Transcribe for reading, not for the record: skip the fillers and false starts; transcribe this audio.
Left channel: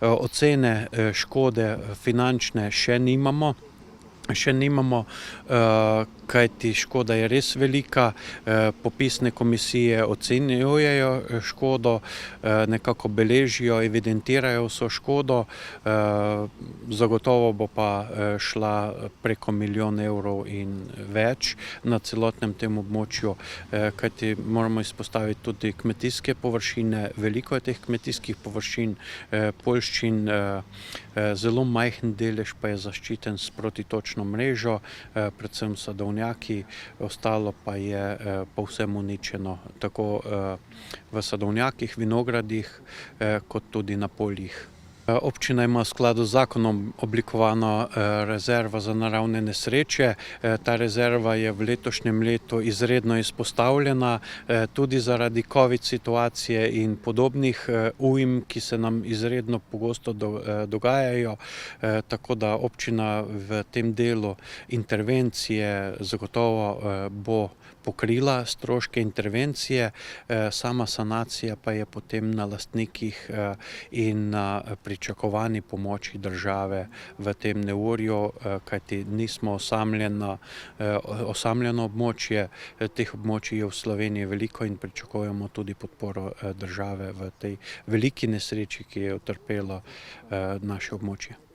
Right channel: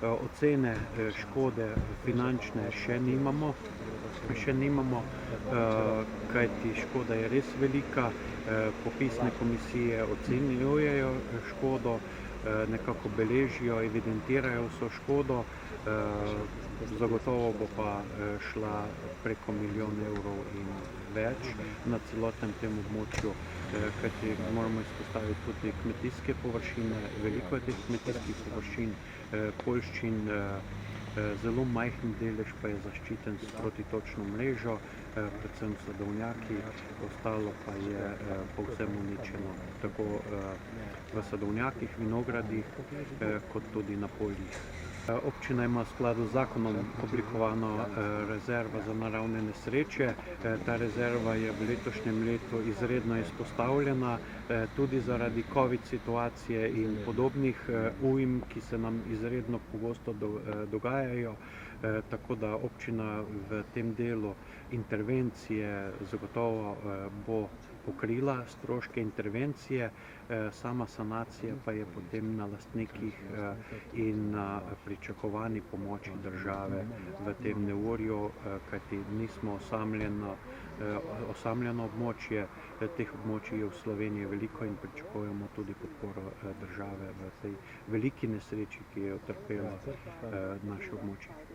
Ocene škode finančne še nimamo. Kajti škoda je res velika. Popisne komisije ocenjujejo škodo, nekako beležijo, evidentirajo vso škodo. Zagotovo bo pa šla preko 1 milijon evrov in več na celotnem tem območju, kajti moramo izpostaviti tudi kmetijske površine. Veliko je teh kmetijskih površin, poljščin, zelo majhen delež pa je zaščiten s protitočno mrežo, predvsem sadovnjaki, ostalo pa je povsem uničeno, tako v sadovnjakih, vinogradih, kot tudi na poljih. Občina ima v skladu z zakonom oblikovano rezervo za naravne nesreče. Ta rezerva je v letošnjem letu izredno izpostavljena, tudi zaradi covid situacije in podobnih ujm, ki se nam izredno pogosto dogajajo, tako da občina v tem delu intervencije zagotovo bo pokrila stroške intervencije, sama sanacija pa je potem na lastnikih in na pričakovani pomoči države v tem neurju, kajti nismo osamljeno območje, teh območij je v Sloveniji veliko in pričakujemo tudi podporo države v tej veliki nesreči, ki je utrpelo naše območje.